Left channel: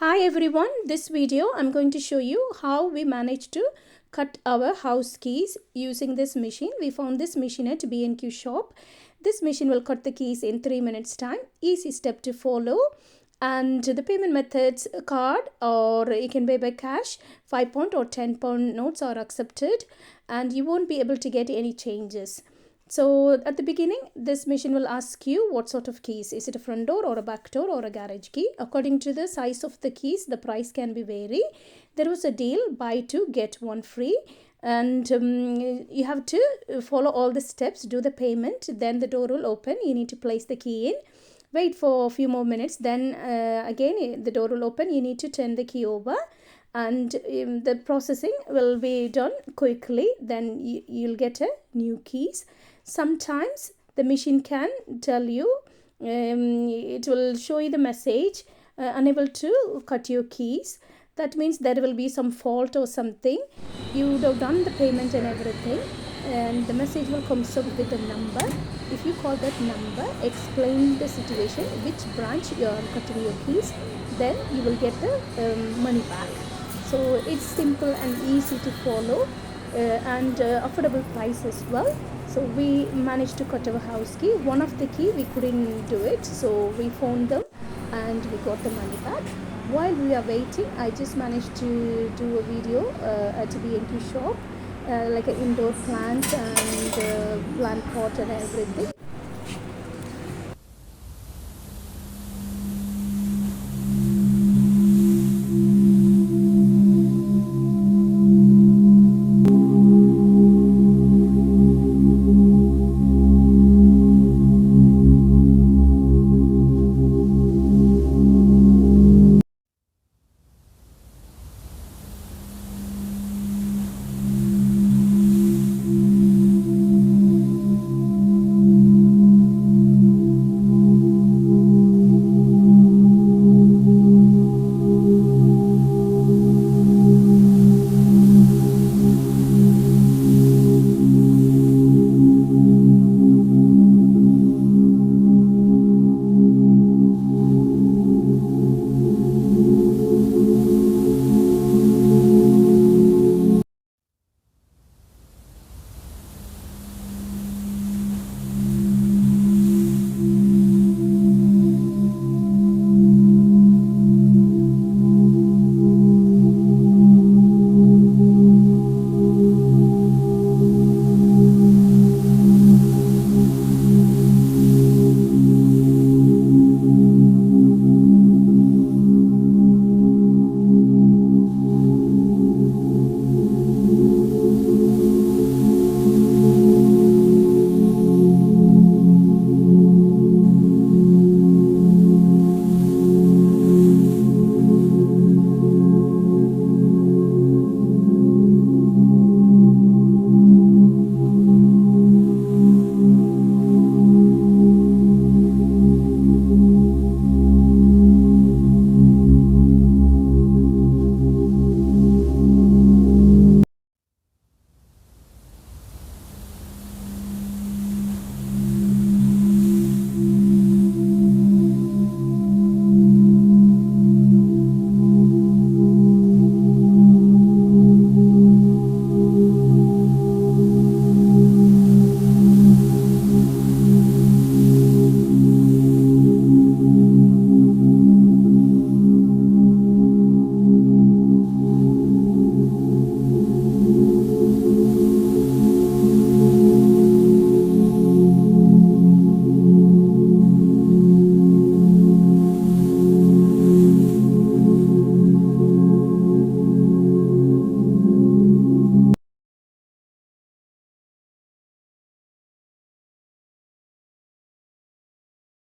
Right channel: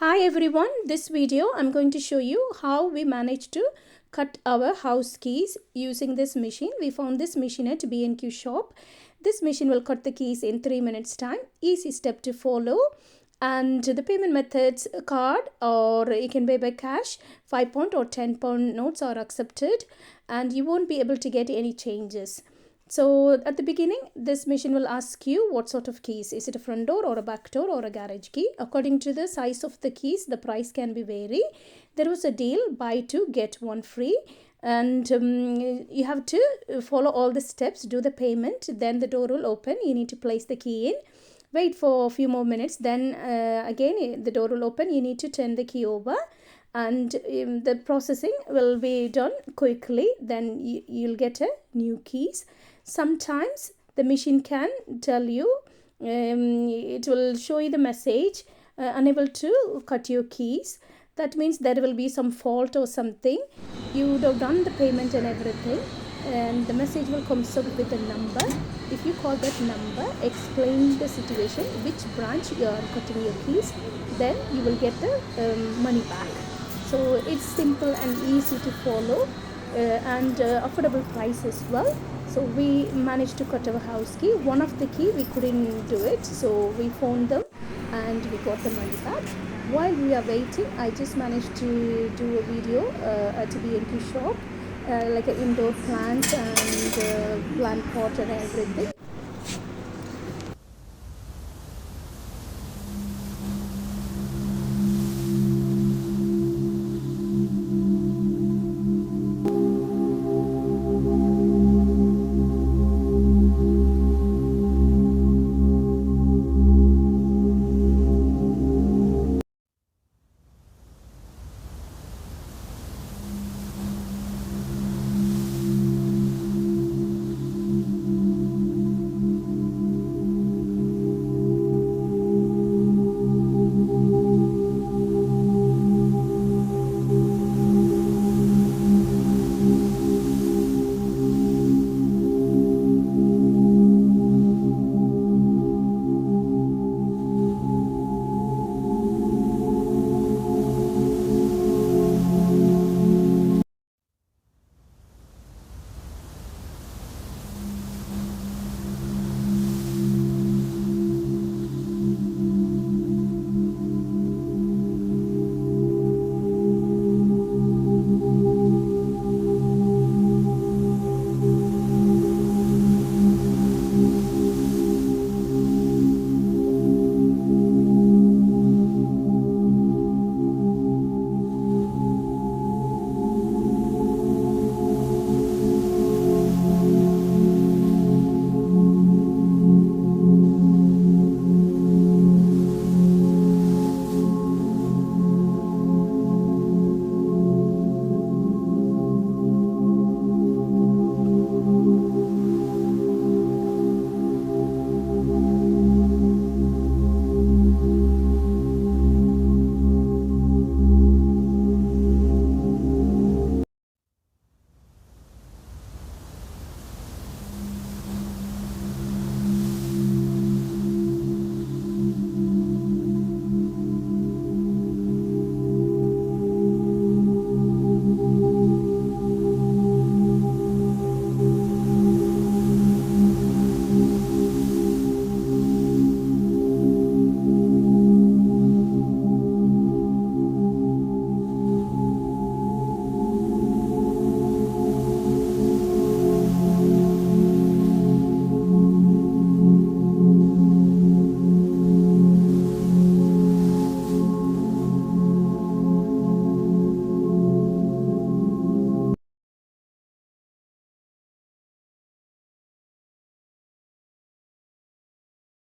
Hi everyone, this video I'm going to show you how we managed to cut our house keys using this machine. We found this machine at B&Q shop. This machine will cut the keys in 3 minutes time. Easy step to follow. And the payment methods, card or you can pay by cash. £5 or £10 notes are accepted and you won't be able to get any changes. So at the beginning, this machine will ask you what sort of keys. Is it a front door or a back door or a garage key? According to the size of the keys, the price can be vary. There was a deal, buy two, get one free. And you have to follow all the steps, do the payment. Then the door will open. You need to place the key in. Wait for a few more minutes. Then again, the door will open. You need to turn the key over. And the processing will be done quickly. Then you'll get a new keys. Sometimes the machine can tell you, it will show you the message, unable to cut your keys. That means there will be some fault or something. You would have done the payment and everything, and the message will come up with a number. If you call that number, explain the situation, which branch you are cutting your keys, then you will get the money back. So it's simple and easy to follow, and affordable price as well. So we managed to cut our house key. One of the key we couldn't do it, so we phoned them and we got the money back. While we are waiting, I just managed to do a video at a B&Q shop, like an indoor plant and plant pot and everything.